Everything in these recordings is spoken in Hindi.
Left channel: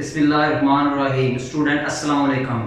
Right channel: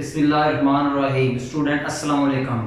Bismillahirrahmanirrahim. Student, Assalamu alaikum.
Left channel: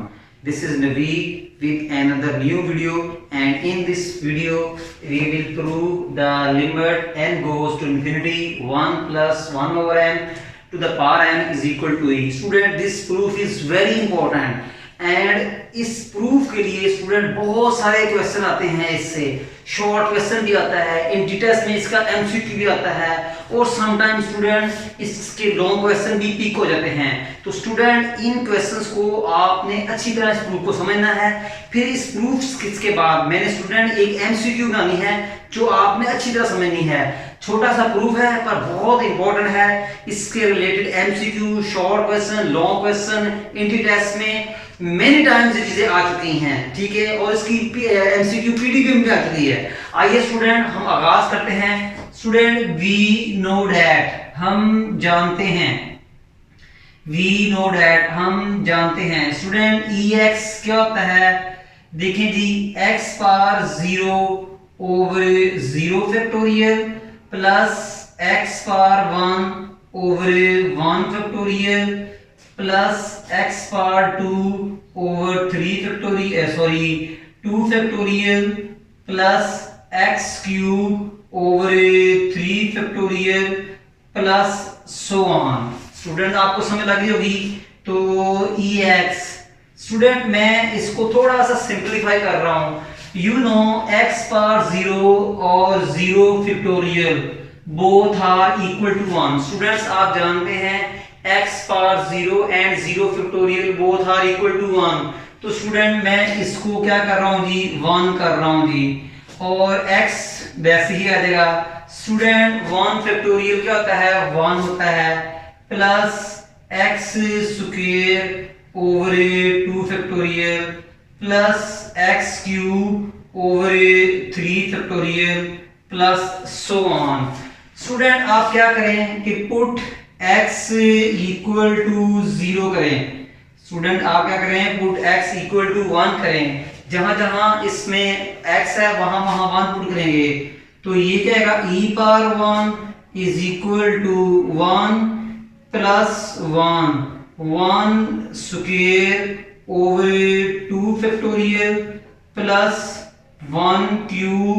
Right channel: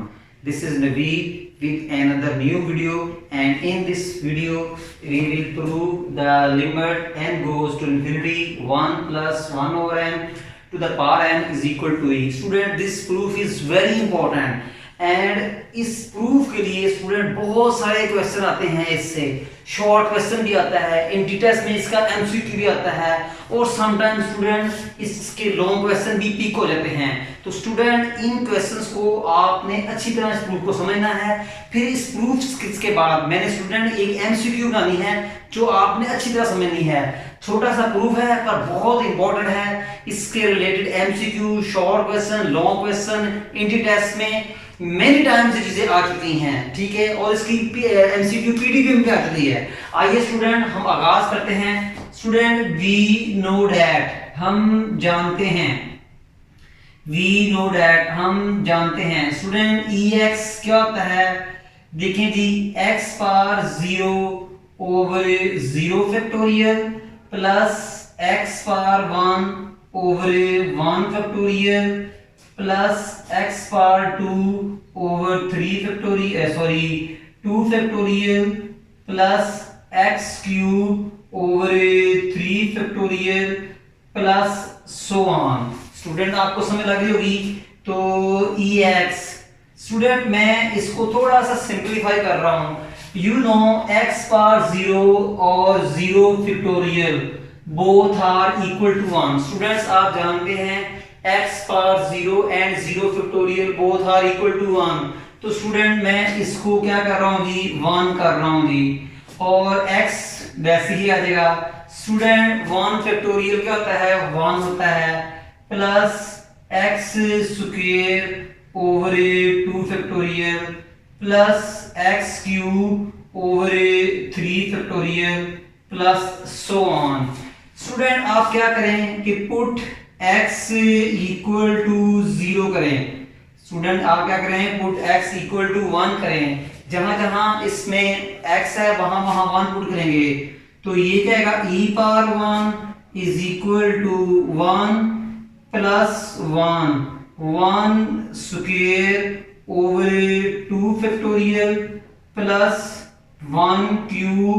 This is Naveed with another new video, and in this video we will prove the limit n goes to infinity 1 plus 1 over n to the power n is equal to e. Student, this proof is very important and इस प्रूफ के लिए स्टूडेंट बहुत सारे क्वेश्चन आते हैं। इससे शॉर्ट क्वेश्चन भी आता है, इन डिटेल्स में इसका एमसीक्यू भी आता है और समटाइम्स स्टूडेंट इसके लॉन्ग क्वेश्चन भी पिक हो जाते हैं। तो स्टूडेंट इन क्वेश्चंस को आपने अच्छी तरह इस प्रूफ को समझना है। फिर इस प्रूफ के बाद मैंने स्टूडेंट एक एमसीक्यू बनानी है जो आपने अच्छी तरह समझनी है। छोटा सा प्रूफ है पर बहुत इंपॉर्टेंट है। इसके related MCQ, short question, long question in details में मेनी टाइम्स ये चीजें आ चुकी हैं, ठीक है, और इसकी एमसीक्यू पीडीएफ में भी आ चुकी है। आइए स्टूडेंट हम आगाज करते हैं। स्टूडेंट वी नो दैट हम जानते हैं, वी नो दैट हम जानते हैं। स्टूडेंट ई एक्स क्या होता है, देखें जी, x power 0 over 0 factorial plus x power 1 over 1 factorial plus x power 2 over 3 factorial 2 factorial plus x cube over 3 factorial plus so on. Student आपको समझ लग रही होगी। तो ई एक्स, स्टूडेंट मैं इसको थोड़ा सा सिंपलीफाई कर रहा हूं। यू नो एक्स पावर 0 और 0 factorial both are equal to 1। Students आप जानते हैं x power 0 and 0 factorial both are equal to 1। तो स्टूडेंट मैं इसको क्या कर रहा हूं जी, 1 कर रहा हूं जी, और x वैसे ही आ जाएगा। स्टूडेंट 1 फैक्टोरियल क्या होता है, 1 होता है, plus x square over 2 factorial plus x cube over 3 factorial plus so on. Student आप क्या करें कि पुट x इक्वल टू 0 करें। स्टूडेंट आप क्या करें, पुट x इक्वल टू 1 करें। जहां जहां इसमें x है वहां वहां 1 पुट करेंगे। तो ये क्या आएगा, e power 1 is equal to 1 plus 1 square over 2 factorial plus 1 cube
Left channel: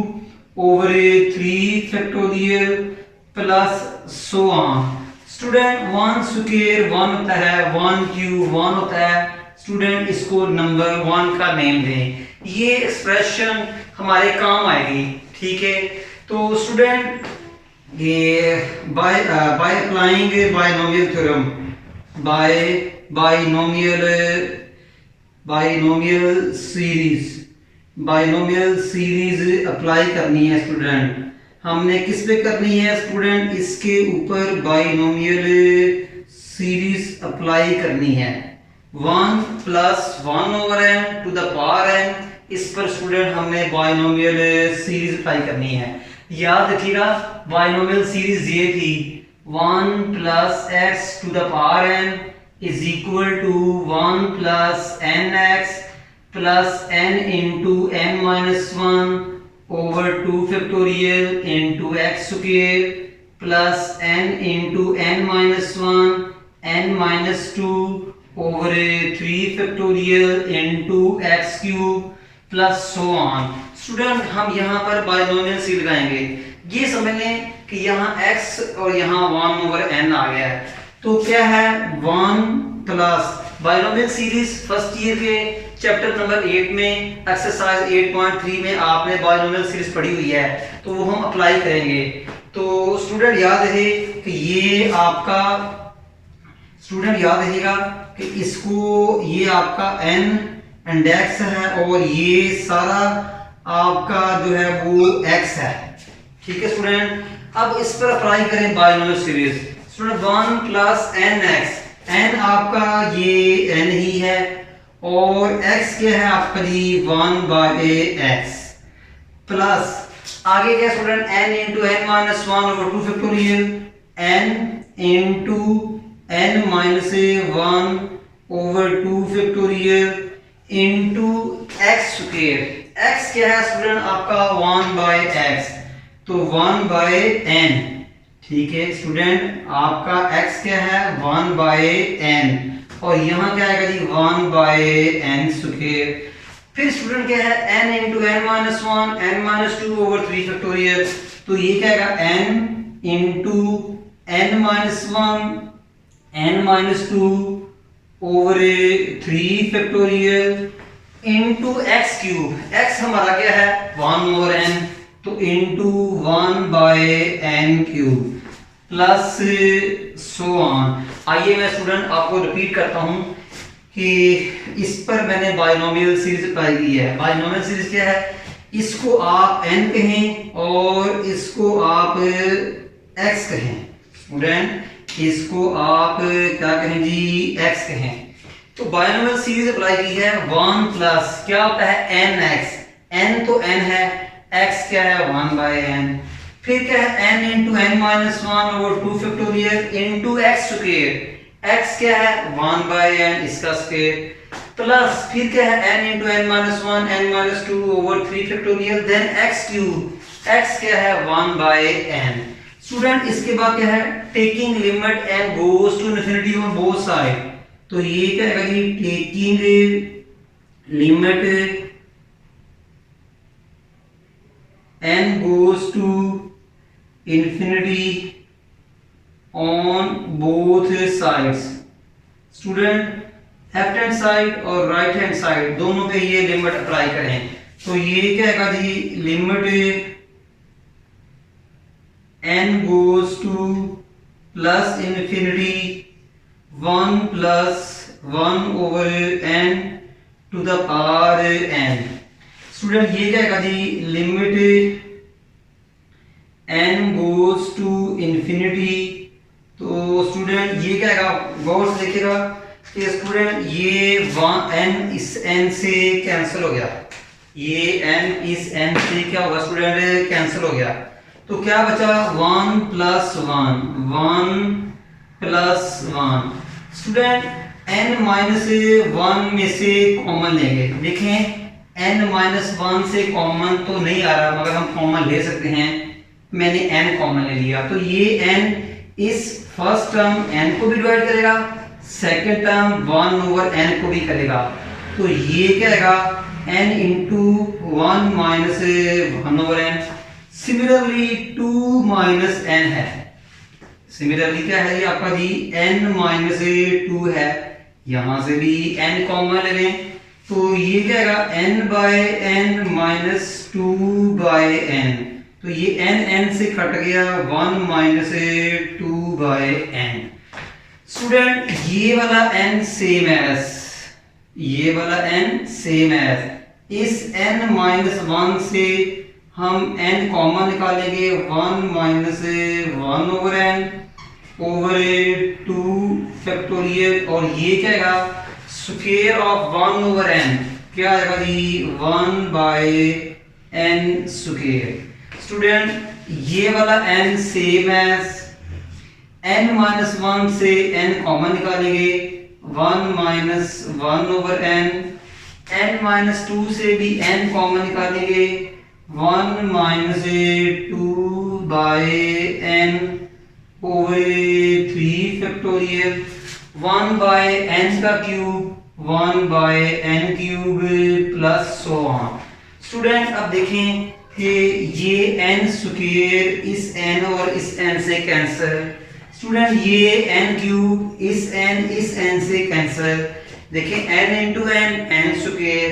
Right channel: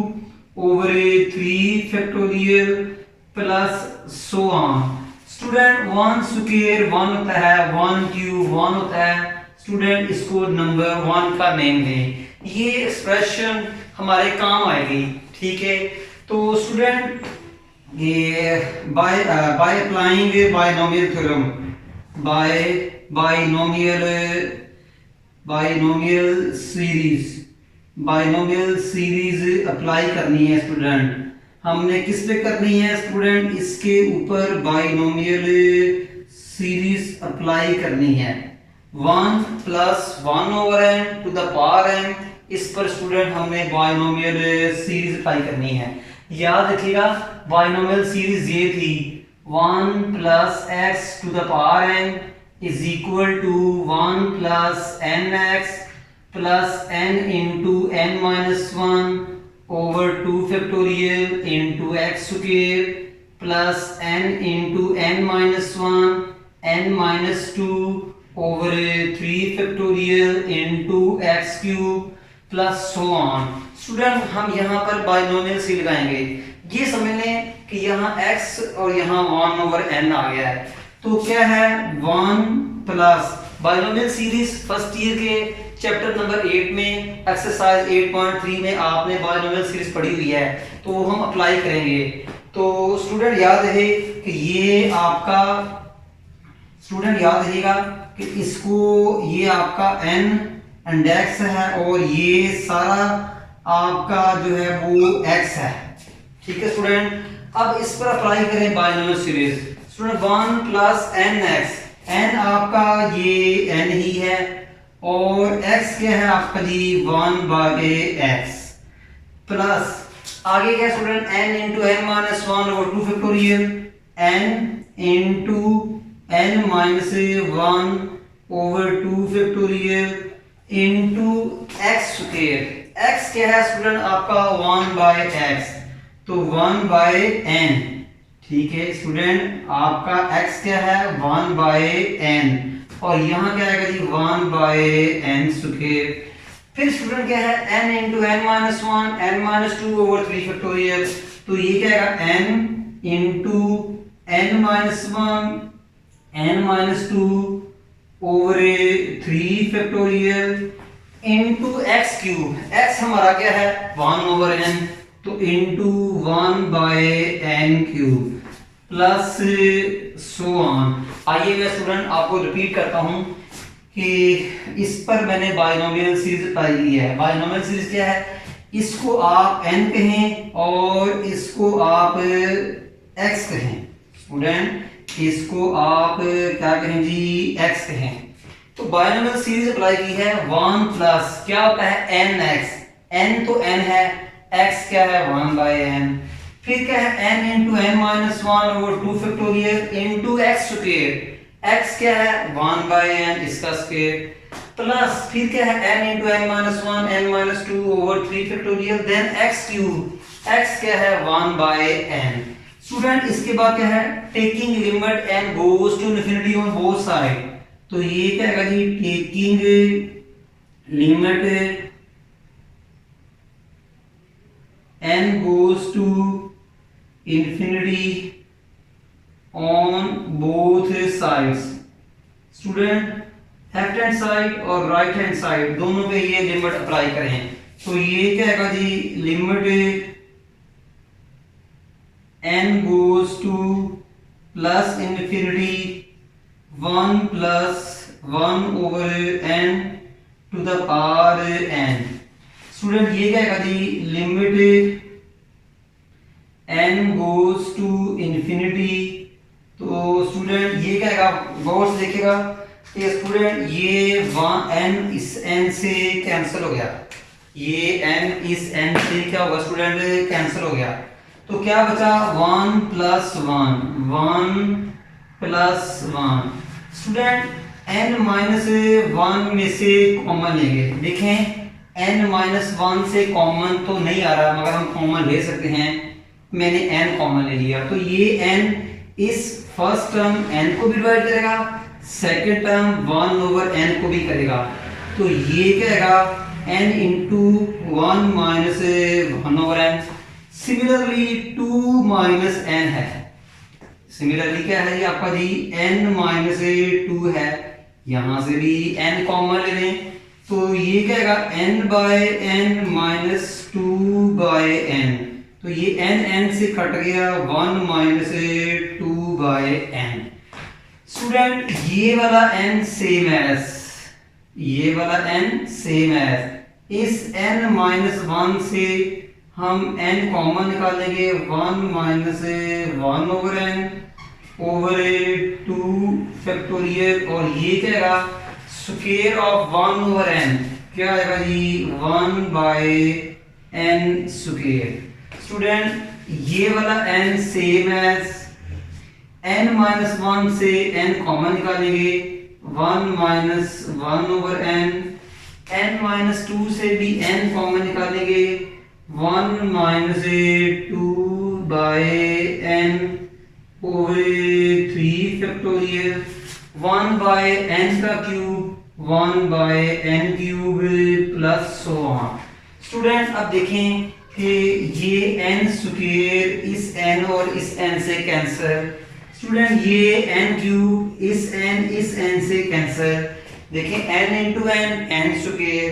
over 3 factorial plus so on. Student 1 square 1 होता है, 1 क्यूब 1 होता है। स्टूडेंट इसको नंबर 1 का नेम दें, ये एक्सप्रेशन हमारे काम आएगी, ठीक है। तो स्टूडेंट ये by applying binomial theorem, binomial series apply करनी है। स्टूडेंट हमने किस पे करनी है, स्टूडेंट इसके ऊपर बाइनोमियल सीरीज अप्लाई करनी है। 1 plus 1 over n to the power n, इस पर स्टूडेंट हमने बाइनोमियल सीरीज अप्लाई करनी है। याद रखिएगा बाइनोमियल सीरीज ये थी, 1 plus x to the power n is equal to 1 plus nx plus n into n minus 1 over 2 factorial into x square plus n into n minus 1 n minus 2 over 3 factorial into x cube plus so on। Student हम यहाँ पर बाइनोमियल सी लगाएंगे। ये समझ लें कि यहाँ x और यहाँ 1 over n आ गया है। तो क्या है, 1 plus binomial series first year के चैप्टर नंबर 8 में एक्सरसाइज 8.3 में आपने बाइनोमियल सीरीज पढ़ी हुई है, तो वो हम अप्लाई करेंगे। तो स्टूडेंट याद रहे कि ये आपका, स्टूडेंट याद रहिएगा कि इसको, ये आपका n इंडेक्स है और ये सारा आपका जो है वो x है, ठीक है स्टूडेंट। अब इस पर अप्लाई करें binomial series. Student 1 plus nx, n आपका ये n ही है और x क्या है आपका जी, 1 बाय x प्लस आगे क्या student, n into n minus 1 over 2 factorial, n into n minus 1 over 2 factorial into x square. x क्या है स्टूडेंट आपका 1 बाय x, तो 1 बाय n, ठीक है स्टूडेंट, आपका x क्या है 1/n और यहाँ क्या आएगा जी 1/n स्क्वायर। फिर स्टूडेंट क्या है n into n minus one n minus two over 3 factorial, तो ये क्या आएगा n into n minus one n minus two over 3 factorial into x cube. x हमारा क्या है 1/n, तो into 1/n cube plus so on. आइए मैं स्टूडेंट आपको रिपीट करता हूं कि इस पर मैंने बाइनोमियल सीरीज अप्लाई की है। बाइनोमियल सीरीज क्या है, इसको आप n कहें और इसको आप x कहें। स्टूडेंट इसको आप क्या कहें जी x कहें। तो बाइनोमियल सीरीज अप्लाई की है 1 प्लस क्या होता है nx, n तो n है, x क्या है 1/n, फिर क्या है n into n minus one over 2 factorial into x square, x क्या है 1/n इसका स्क्वायर प्लस फिर क्या है n into n minus one n minus two over 3 factorial then x cube, x क्या है 1/n। स्टूडेंट इसके बाद क्या है taking limit n goes to infinity on both side, तो ये क्या है जी taking limit n goes to infinity on both sides। Student left hand side और राइट हैंड साइड दोनों पे ये लिमिट अप्लाई करें, तो ये क्या है जी limit n goes to plus infinity 1 plus 1 over n to the power n। Student ये क्या है जी limit n goes to infinity, तो स्टूडेंट ये क्या है गौर से देखिएगा कि स्टूडेंट ये n इस n से कैंसिल हो गया, ये n इस n से क्या हुआ स्टूडेंट कैंसिल हो गया, तो क्या बचा 1 plus 1 plus 1। Student n minus 1 में से कॉमन लेंगे, देखें n माइनस 1 से कॉमन तो नहीं आ रहा मगर हम कॉमन ले सकते हैं, मैंने n कॉमन ले लिया, तो ये n इस फर्स्ट टर्म n को भी डिवाइड करेगा, सेकेंड टर्म 1 ओवर n को भी करेगा, तो ये क्या आएगा n into 1 minus 1 over n। Similarly 2 minus n है, सिमिलरली क्या है ये आपका जी n माइनस 2 है, यहां से भी n कॉमन ले लें, तो ये क्या आएगा n/n माइनस 2/n, तो ये n से कट गया 1 माइनस 2/n। स्टूडेंट ये वाला n सेम एज ये वाला n सेम एज इस n माइनस 1 से हम n कॉमन निकालेंगे 1 minus 1 over n over 2 factorial, और ये क्या आएगा स्क्वायर ऑफ 1 ओवर n, क्या आएगा जी 1/n स्क्वायर। स्टूडेंट ये वाला n same as n minus 1 से n कॉमन निकालेंगे 1 माइनस 1 ओवर n माइनस 2 से भी n कॉमन निकालेंगे 1 minus 2/n over 3 factorial 1/n का cube 1/n cube plus so on. Student अब देखें कि ये n स्क्वायर इस n और इस n से कैंसिल, स्टूडेंट ये n क्यूब इस n से कैंसिल, देखें n into n square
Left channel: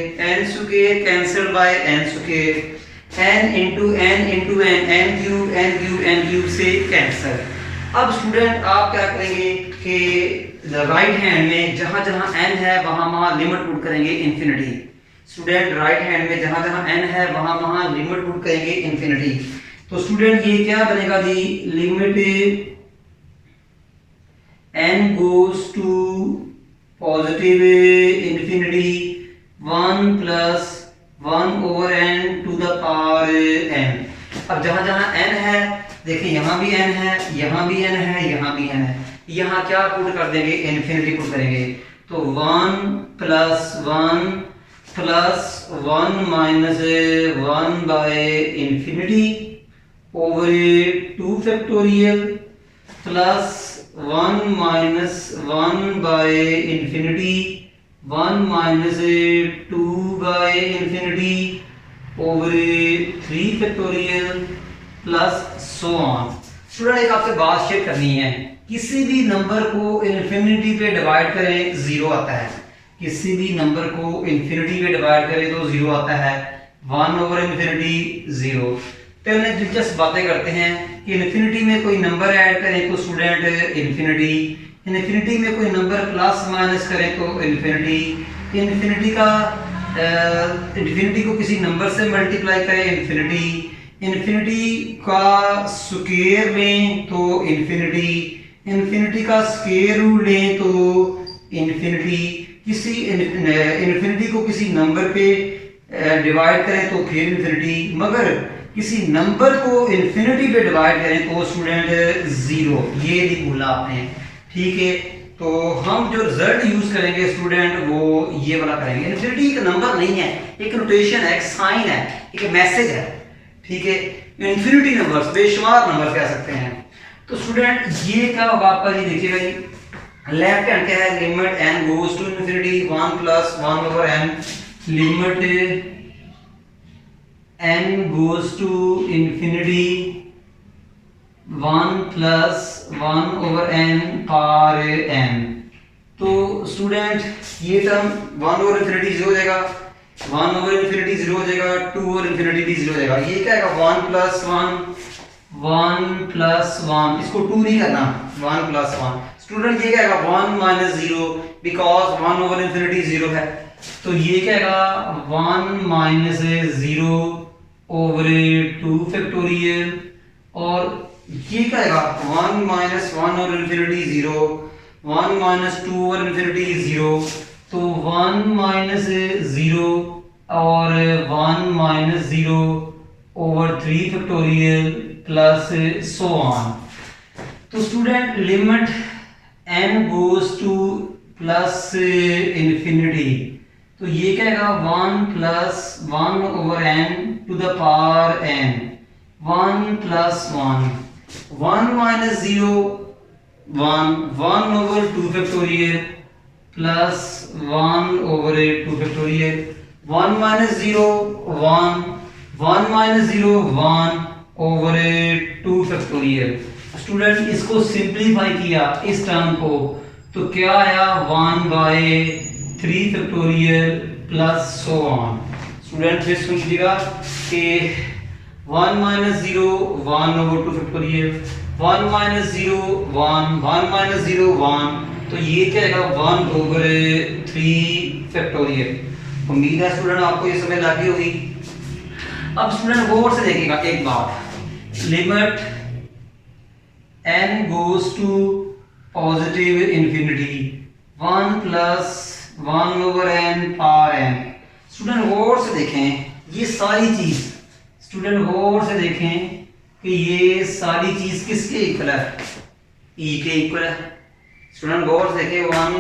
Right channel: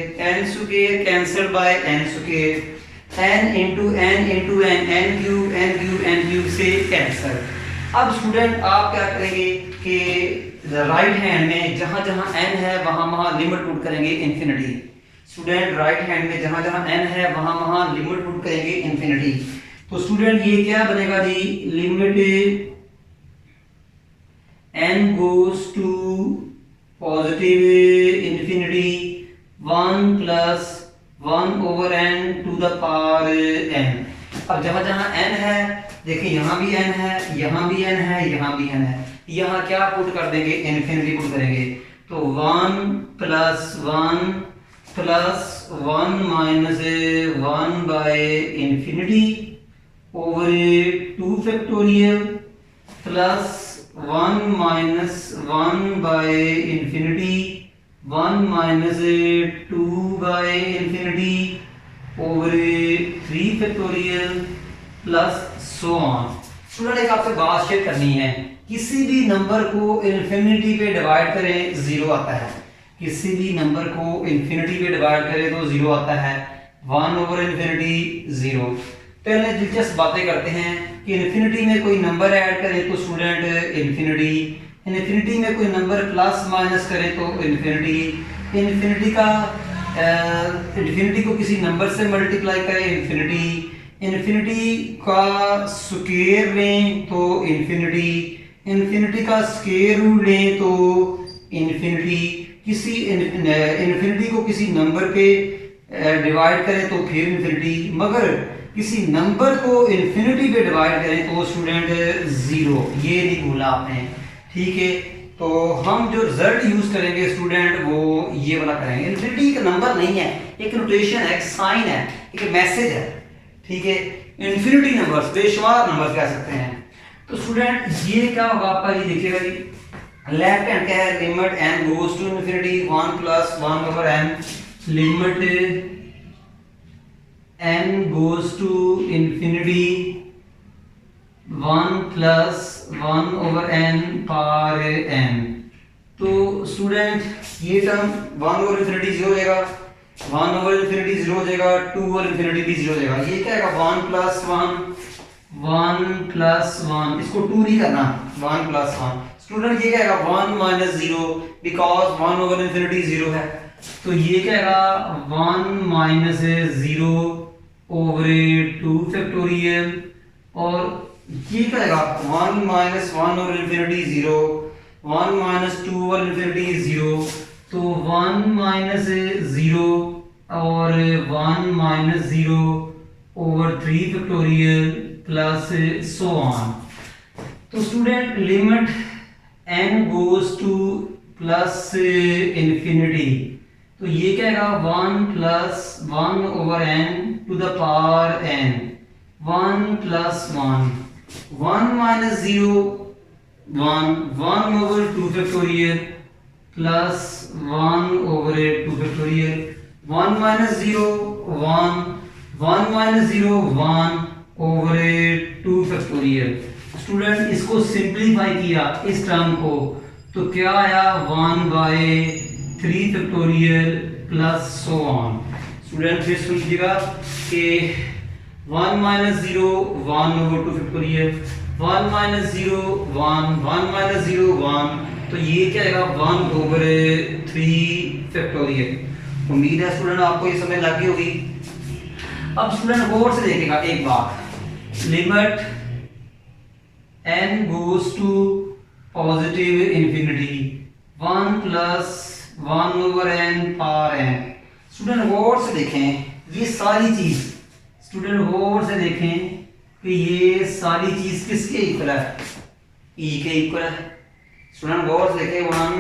cancel bye n square, n into n cube से कैंसिल। अब स्टूडेंट आप क्या करेंगे कि राइट हैंड में जहां जहां n है वहां लिमिट पुट करेंगे इन्फिनिटी। स्टूडेंट राइट हैंड में जहां जहां n है वहां लिमिट पुट करेंगे इन्फिनिटी, तो स्टूडेंट ये क्या बनेगा जी limit n goes to positive infinity 1 plus 1 over n to the power n। अब जहां जहां n है देखिए यहाँ भी n है, यहाँ भी n है, यहाँ भी n है, यहाँ क्या पुट कर देंगे इन्फिनिटी पुट करेंगे, तो 1 plus 1 minus 1 by infinity over 2 factorial plus 1 minus 1 by infinity 1 minus 2 by infinity over 3 factorial plus so on. Student एक आपसे बात चेक करनी है, किसी भी नंबर को इन्फिनिटी पे डिवाइड करें जीरो आता है, किसी भी नंबर को इन्फिनिटी पे डिवाइड करें तो जीरो आता है, 1 ओवर इन्फिनिटी जीरो। पहले दिलचस्प बातें करते हैं कि इन्फिनिटी में कोई नंबर ऐड करें तो स्टूडेंट इन्फिनिटी, इन्फिनिटी में कोई नंबर प्लस माइनस करें तो इन्फिनिटी, इन्फिनिटी का इन्फिनिटी को किसी नंबर से मल्टीप्लाई करें इन्फिनिटी, इन्फिनिटी का स्क्वायर लें तो इन्फिनिटी, इन्फिनिटी का स्क्वायर रूट लें तो इन्फिनिटी, किसी इन्फिनिटी को किसी नंबर पे डिवाइड करें तो फिर इन्फिनिटी, मगर किसी नंबर को इन्फिनिटी पे डिवाइड करें तो स्टूडेंट जीरो। ये नहीं भूलना आपने, ठीक है। तो हम जो रिजल्ट यूज करेंगे स्टूडेंट वो ये वाला करेंगे। इन्फिनिटी एक नंबर नहीं है, एक नोटेशन है, एक साइन है, एक मैसेज है, ठीक है। इन्फिनिटी नंबर्स बेशुमार नंबर कह सकते हैं। तो स्टूडेंट ये क्या होगा आपका, ये देखिएगा जी लेफ्ट हैंड क्या है, limit n goes to infinity 1 plus 1 over n, limit n goes to infinity 1 plus 1 over n power n। तो स्टूडेंट ये टर्म 1 ओवर इन्फिनिटी जीरो हो जाएगा, 1 ओवर इन्फिनिटी जीरो हो जाएगा, 2 ओवर इन्फिनिटी भी जीरो हो जाएगा। ये क्या है 1 प्लस 1, इसको 2 नहीं करना, 1 प्लस 1। स्टूडेंट ये क्या है 1 minus zero, because 1 over infinity zero है, तो ये क्या है 1 माइनस जीरो ओवर 2 फैक्टोरियल, और ये क्या है 1 minus 1 over infinity zero, 1 minus 2 over infinity zero, तो 1 माइनस जीरो और 1 minus zero over 3 factorial plus so on. तो student limit n goes to plus infinity, तो ये क्या है 1 plus 1 over n to the power n, 1 plus 1 minus zero 1 over 2 factorial plus 1 over 2 factorial, 1 minus zero 1 minus zero 1 over 2 factorial. Student इसको सिंप्लीफाई किया इस टर्म को, तो क्या आया 1 by 3 factorial plus so on. Student फिर सुन लीजिएगा कि 1 minus zero 1 over 2 factorial, 1 minus zero 1 minus zero 1, तो ये क्या है 1 ओवर 3 फैक्टोरियल। उम्मीद है स्टूडेंट आपको ये समझ लगी होगी। अब स्टूडेंट गौर से देखिएगा एक बात, limit n goes to positive infinity 1 plus 1 over n power n। Student गौर से देखें ये सारी चीज, स्टूडेंट गौर से देखें कि ये सारी चीज किसके इक्वल है, e के इक्वल है। स्टूडेंट गौर से देखें 1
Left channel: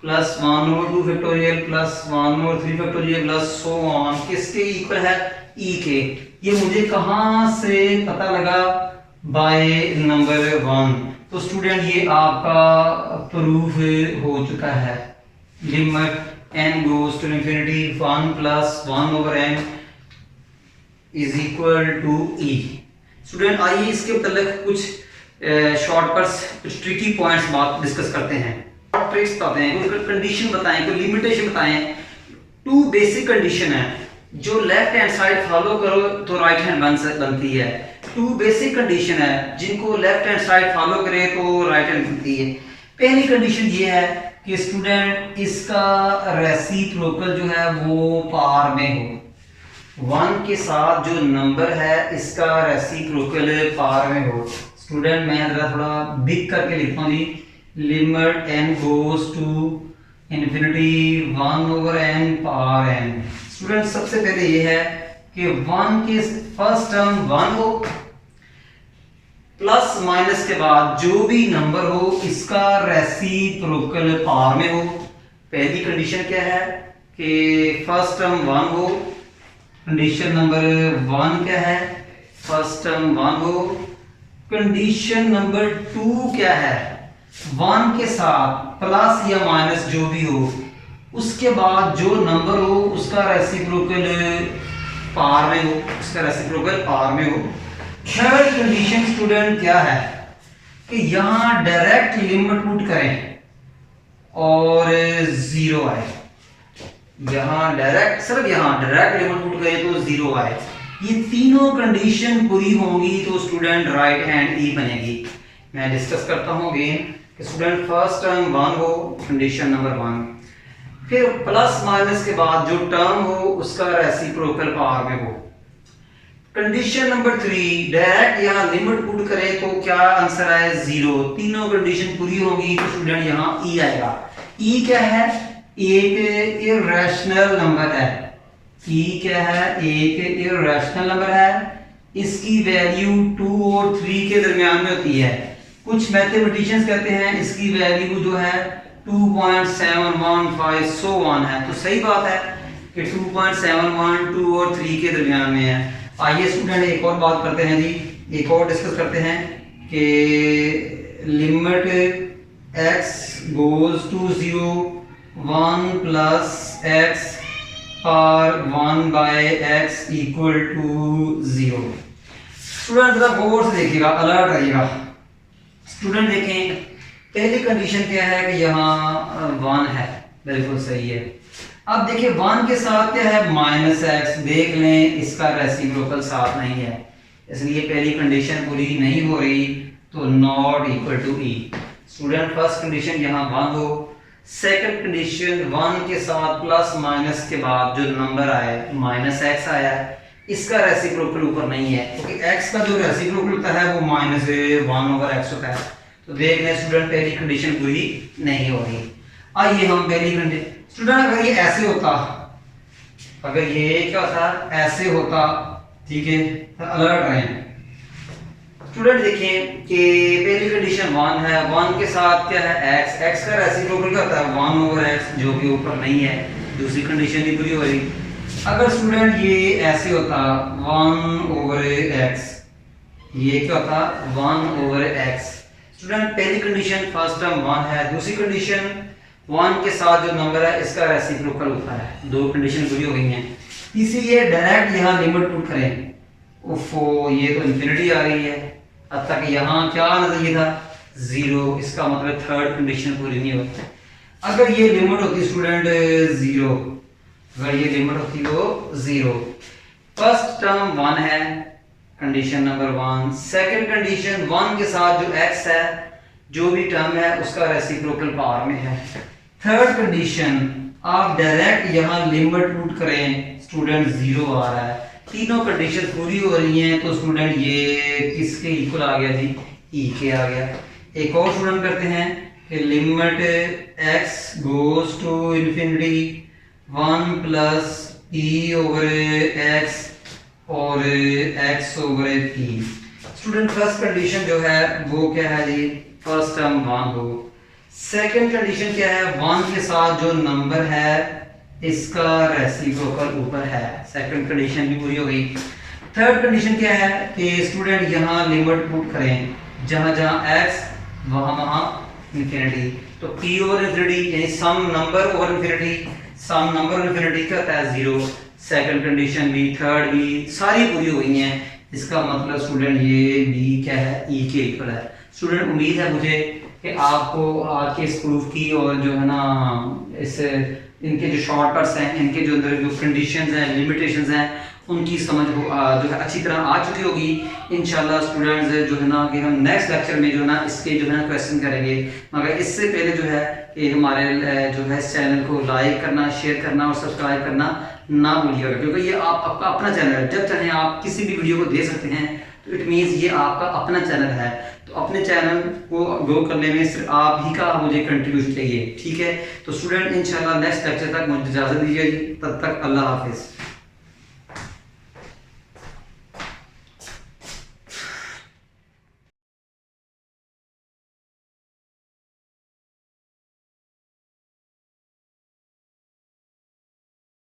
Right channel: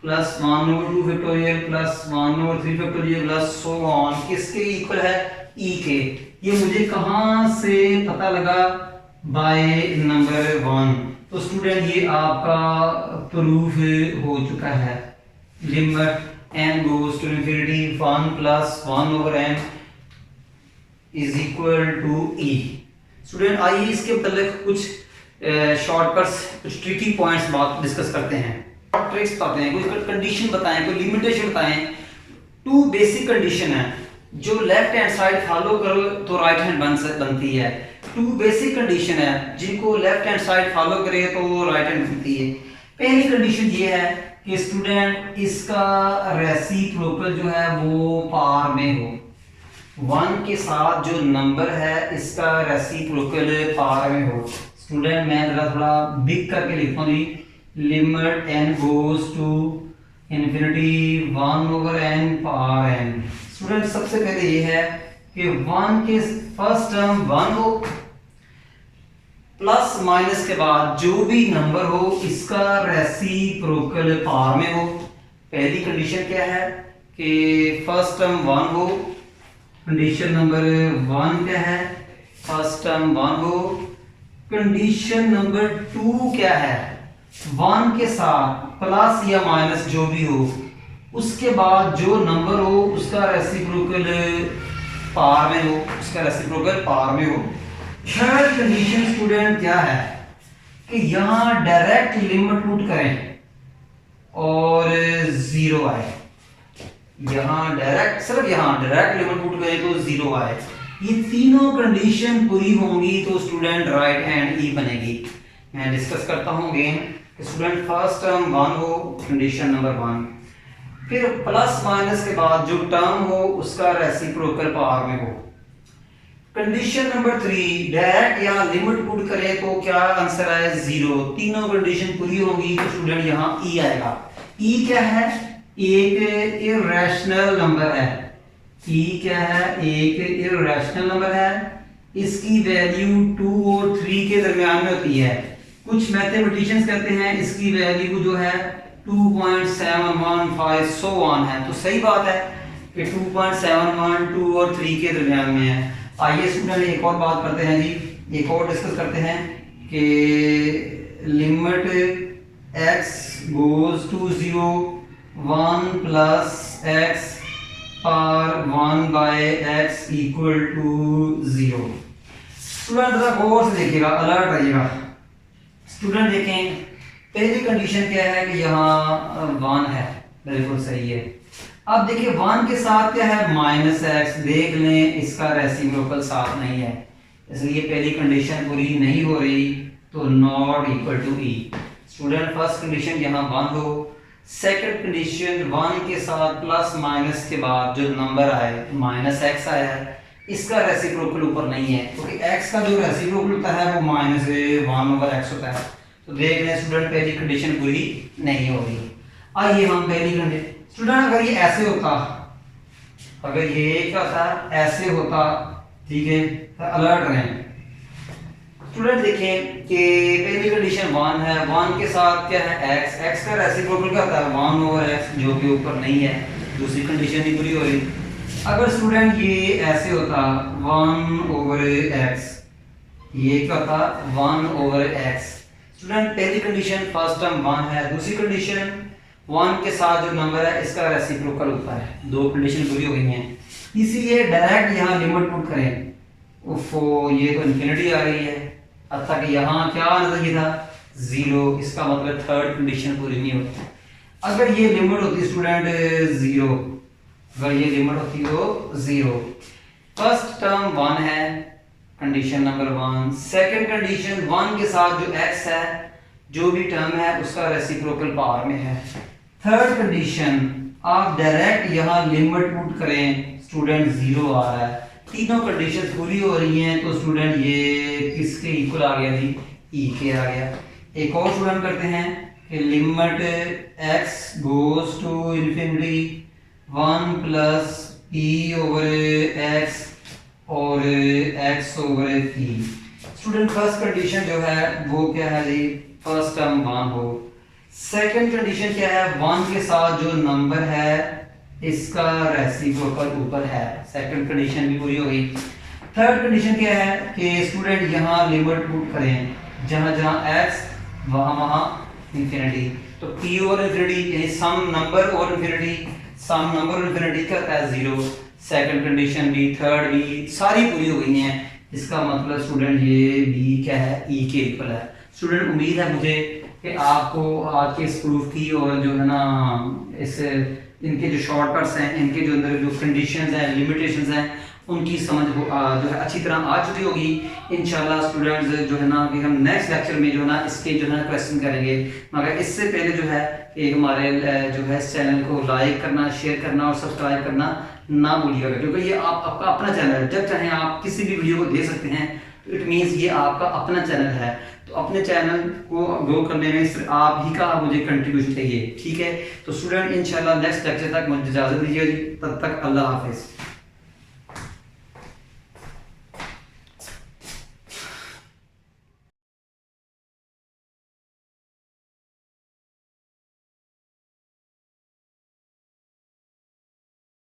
plus 1 over 2 factorial plus 1 over 3 factorial plus so on किसके इक्वल है, e के। ये मुझे कहाँ से पता लगा, बाय नंबर 1। तो स्टूडेंट ये आपका प्रूफ हो चुका है, limit n goes to infinity 1 plus 1 over n is equal to e। Student आइए इसके मतलब कुछ शॉर्टकट्स, कुछ ट्रिकी पॉइंट्स बात डिस्कस करते हैं। ट्रिक्स बताते हैं, कोई कंडीशन बताएं, कोई लिमिटेशन बताएं। 2 बेसिक कंडीशन है, जो लेफ्ट हैंड साइड फॉलो करो तो राइट हैंड बनती है। 2 बेसिक कंडीशन है जिनको लेफ्ट हैंड साइड फॉलो करे तो राइट हैंड बनती है। पहली कंडीशन ये है कि स्टूडेंट इसका रेसिप्रोकल जो है वो पावर में हो, 1 के साथ जो नंबर है इसका रेसिप्रोकल पावर में हो। स्टूडेंट मैं जरा थोड़ा बिग करके लिखता हूँ जी, limit n goes to infinity 1 over n power n। Student सबसे पहले ये है कि 1 के फर्स्ट टर्म 1 हो, प्लस माइनस के बाद जो भी नंबर हो इसका रेसिप्रोकल पावर में हो। पहली कंडीशन क्या है कि फर्स्ट टर्म 1 हो, कंडीशन नंबर 1 क्या है, फर्स्ट टर्म 1 हो, कंडीशन नंबर 2 क्या है, 1 के साथ प्लस या माइनस जो भी हो, उसके बाद जो नंबर हो उसका रेसिप्रोकल पार में हो, उसका रेसिप्रोकल पार में हो। थर्ड कंडीशन स्टूडेंट क्या है कि यहाँ डायरेक्ट लिमिट पुट करें और 0 आए, यहाँ डायरेक्ट सिर्फ यहाँ डायरेक्ट लिमिट पुट करें तो 0 आए। ये तीनों कंडीशन पूरी होंगी तो स्टूडेंट राइट हैंड ई बनेगी। मैं डिस्कस करता हूँ अगेन कि स्टूडेंट फर्स्ट टर्म 1 हो, कंडीशन नंबर 1, फिर प्लस माइनस के बाद जो टर्म हो उसका रेसिप्रोकल पावर में हो। कंडीशन नंबर 3 डायरेक्ट यहाँ लिमिट पुट करें तो क्या आंसर आए 0। तीनों कंडीशन पूरी होगी तो स्टूडेंट यहाँ ई आएगा। ई क्या है, एक इर्रेशनल नंबर है। ई क्या है, एक इर्रेशनल नंबर है, इसकी वैल्यू 2 और 3 के दरमियान में होती है। कुछ मैथमेटिशियंस कहते हैं इसकी वैल्यू जो है 2.715 सो ऑन है, तो सही बात है कि 2.712 2 और 3 के दरमियान में है। आइए स्टूडेंट एक और बात करते हैं जी, एक और डिस्कस करते हैं कि limit x goes to 0 1 plus x और 1 बाय x इक्वल टू 0। स्टूडेंट जरा गौर से देखिएगा, अलर्ट रहिएगा। स्टूडेंट देखें पहली कंडीशन क्या है कि यहाँ 1 है, बिल्कुल सही है। अब देखिए 1 के साथ क्या है माइनस एक्स, देख लें इसका रेसिप्रोकल साथ नहीं है, इसलिए पहली कंडीशन पूरी नहीं हो रही, तो not equal to e. Student first condition यहाँ 1 हो, सेकंड कंडीशन 1 के साथ प्लस माइनस के बाद जो नंबर आए माइनस एक्स आया है, इसका रेसिप्रोकल ऊपर नहीं है क्योंकि x का जो रेसिप्रोकल होता है वो माइनस 1/x होता है। तो देख लें स्टूडेंट पहली कंडीशन पूरी नहीं हो रही। आइए हम पहली कंडीशन, स्टूडेंट अगर ये ऐसे होता, अगर ये क्या होता ऐसे होता, ठीक है, तो अलर्ट रहें। स्टूडेंट देखें कि पहली कंडीशन 1 है, 1 के साथ क्या है x, x का रेसिप्रोकल क्या होता है 1/x जो कि ऊपर नहीं है, दूसरी कंडीशन भी पूरी हो रही। अगर स्टूडेंट ये ऐसे होता 1/x, ये क्या होता 1/x। स्टूडेंट पहली कंडीशन फर्स्ट टर्म 1 है, दूसरी कंडीशन 1 के साथ जो नंबर है इसका रेसिप्रोकल ऊपर है, दो कंडीशन पूरी हो गई हैं। तीसरी है डायरेक्ट यहाँ लिमिट पुट करें, उफो ये तो इन्फिनिटी आ रही है, अब तक यहाँ क्या नजरिए था 0, इसका मतलब थर्ड कंडीशन पूरी नहीं होती। अगर ये लिमिट होती स्टूडेंट 0, अगर ये लिमिट होती हो 0, फर्स्ट टर्म 1 है कंडीशन नंबर 1, सेकंड कंडीशन 1 के साथ जो x है जो भी टर्म है उसका रेसिप्रोकल पावर में है। थर्ड कंडीशन आप डायरेक्ट यहाँ लिमिट पुट करें, स्टूडेंट 0 आ रहा है, तीनों कंडीशन पूरी हो रही हैं तो स्टूडेंट ये किसके इक्वल आ गया जी, ई के आ गया। एक और स्टूडेंट करते हैं कि limit x goes to infinity 1 plus e/x और x/p। स्टूडेंट फर्स्ट कंडीशन जो है वो क्या है जी, फर्स्ट टर्म 1 हो। सेकंड कंडीशन क्या है, 1 के साथ जो नंबर है इसका रेसिप्रोकल ऊपर है, सेकंड कंडीशन भी पूरी हो गई। थर्ड कंडीशन क्या है कि स्टूडेंट यहाँ लिमिट पुट करें, जहाँ जहाँ x वहाँ इंफिनिटी, तो p ओवर इंफिनिटी यानी सम नंबर ओवर इंफिनिटी, सम नंबर ओवर इंफिनिटी क्या होता है 0। सेकंड कंडीशन भी, थर्ड भी, सारी पूरी हो गई हैं, इसका मतलब स्टूडेंट ये b क्या है, e के इक्वल है। स्टूडेंट उम्मीद है मुझे कि आपको आज के इस प्रूफ की और जो है ना इस इनके जो शॉर्टकट्स हैं, इनके जो अंदर जो कंडीशंस हैं, लिमिटेशंस हैं, उनकी समझ जो है अच्छी तरह आ चुकी होगी। इंशाल्लाह स्टूडेंट्स जो है ना कि हम नेक्स्ट लेक्चर में जो है ना इसके जो है ना क्वेश्चन करेंगे, मगर इससे पहले जो है कि हमारे जो है इस चैनल को लाइक करना, शेयर करना और सब्सक्राइब करना ना भूलिएगा, क्योंकि ये आपका अपना चैनल है, जब चाहें आप किसी भी वीडियो को दे सकते हैं, तो इट मीन्स ये आपका अपना चैनल है। तो अपने चैनल को ग्रो करने में सिर्फ आप ही का मुझे कंट्रीब्यूशन चाहिए, ठीक है। तो स्टूडेंट इंशाल्लाह नेक्स्ट लेक्चर तक मुझे इजाज़त दीजिए, तब तक अल्लाह हाफिज़।